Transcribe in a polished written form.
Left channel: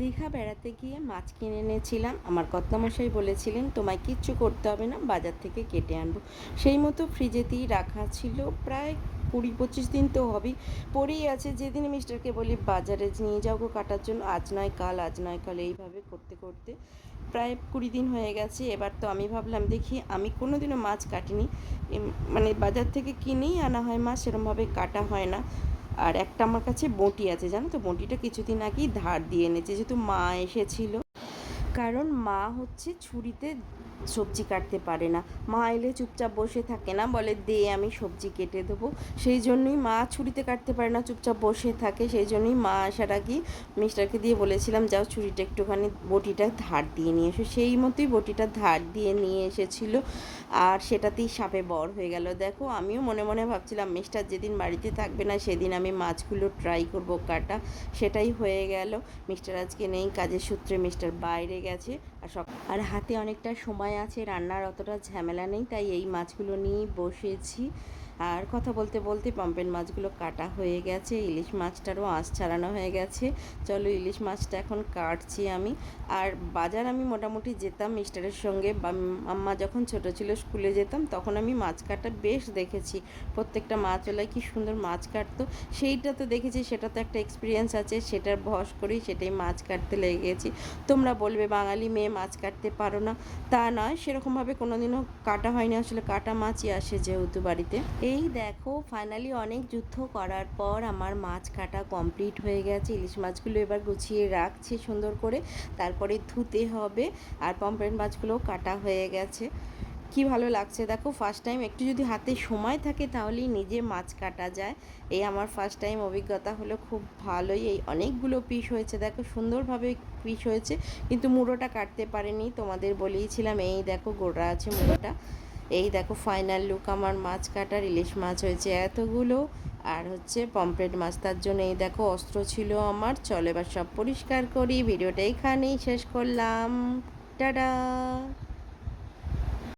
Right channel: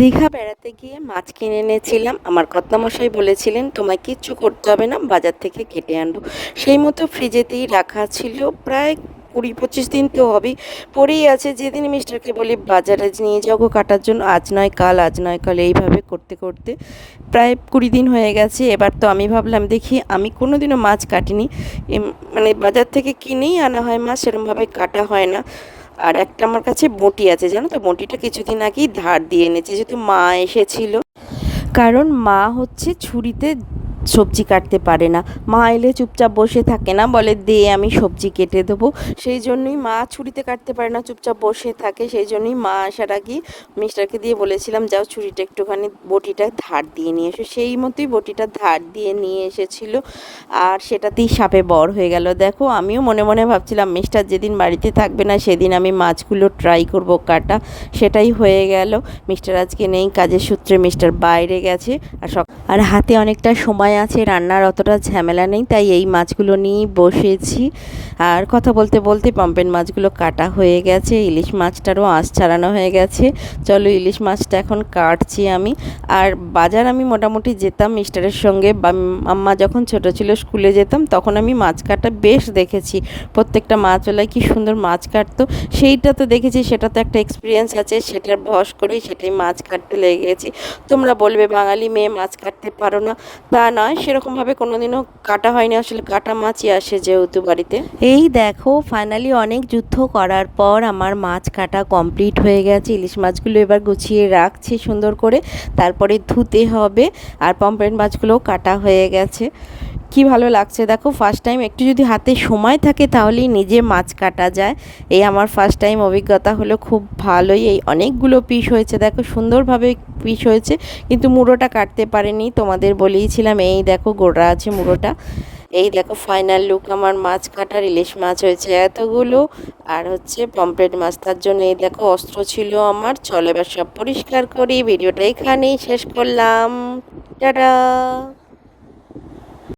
দীঘা বেড়াতে গিয়ে মাছ কিনে এনেছিলাম। আমার কর্তামশাই বলেছিলেন তোমায় কিচ্ছু করতে হবে না, বাজার থেকে কেটে আনবো। সেই মতো ফ্রিজেতেই রাখা ছিল, প্রায় 20-25 দিন তো হবেই, পড়েই আছে। যেদিন মিস্টারকে বলি বাজারে নিয়ে যাবো কাটার জন্য, আজ নয় কাল, আজ নয় কাল, এইভাবে করতে করতে প্রায় 20 দিন হয়ে গেছে। এবার তো আমি ভাবলাম দেখি, আমি কোনো দিনও মাছ কাটিনি, মানে বাজার থেকে কিনেই আনা হয় মাছ, সেরকমভাবে কাটা হয় না। আর একটা আমার কাছে বঁটি আছে, জানো তো, বঁটিটা কিছুদিন আগেই ধার দিয়ে এনেছে, যেহেতু মা এসেছিল। কারণ মা হচ্ছে ছুরিতে সবজি কাটতে পারে না, মা এলে চুপচাপ বসে থাকে না, বলে দে আমি সবজি কেটে দেবো। সেই জন্যই মা ছুরিতে কাটতে পারে না, চুপচাপ বসে থাকে। সেই জন্যই মা আসার আগেই মিস্টারকে দিয়ে বলেছিলাম যাও ছুরিটা একটুখানি বটিটা ধার দিয়ে নিয়ে এসো। সেই মতোই বটিটা ধার দিয়ে নিয়ে এসেছিল, আর সেটাতেই সাপে বর হয়ে গেল। দেখো, আমিও মনে মনে ভাবছিলাম মিস্টার যেদিন বাড়িতে থাকবে না সেদিন আমি মাছগুলো ট্রাই করব কাটা, সেটাই হয়ে গেল। মিস্টার আজকে নেই, কাজের সূত্রে মিস্টার বাইরে গেছে। আর হাতে অনেকটা সময় আছে, রান্নার অতটা ঝামেলা নেই, তাই এই মাছগুলো নিয়েই বসেছি। আর কথা বলতে বলতে পম্পেন মাছগুলো কাটা হয়ে গেছে, ইলিশ মাছটারও আঁশ ছাড়ানো হয়ে গেছে। চলো ইলিশ মাছটা এখন কাটছি আমি। আর বাজার আমি মোটামুটি যেতাম মিস্টারের সঙ্গে, বা আম্মা যখন ছোট ছিল স্কুলে যেতাম, তখন আমি মাছ কাটা বেশ দেখেছি। প্রত্যেকটা মাছওয়ালায় কি সুন্দর মাছ কাটতো, সেইটা তো দেখেছি, সেটা তো একটা এক্সপিরিয়েন্স আছে, সেটার বশ করেই সেটাই মাছ কাটতে লেগে গেছি। তোমরা বলবে বাঙালি মেয়ে মাছ কাটতে পারো না, তা নয়, সেরকমভাবে কোনোদিনও কাটা হয়নি, আসলে কাটা মাছই আসে যেহেতু বাড়িতে। এই দেখো, ফাইনালি অনেক যুদ্ধ করার পর আমার মাছ কাটা কমপ্লিট হয়ে গেছে। ইলিশ মাছগুলো এবার গুছিয়ে রাখছি সুন্দর করে, তারপরে ধুতে হবে। আর পমফ্রেট মাছগুলোও কাটা হয়ে গেছে। কি ভালো লাগছে দেখো, ফার্স্ট টাইম একটু যদি হাতে সময় থাকে তাহলেই নিজে মাছ কাটা যায়। এই আমার ফার্স্ট টাইম অভিজ্ঞতা হলো, খুব ভালোই। এই অনেকগুলো পিস হয়েছে, দেখো সুন্দরভাবে পিস হয়েছে, কিন্তু মুড়োটা কাটতে পারিনি, তোমাদের বলেইছিলাম। এই দেখো গোড়া আছে মুড়োটা। এই দেখো ফাইনাল লুক আমার মাছ কাটার। ইলিশ মাছ হয়েছে এতগুলো, আর হচ্ছে পমফ্রেট মাছ, তার জন্য এই দেখো অস্ত্র ছিল আমার। চলো এবার সব পরিষ্কার করি। ভিডিওটা এখানেই শেষ করলাম। টাটা।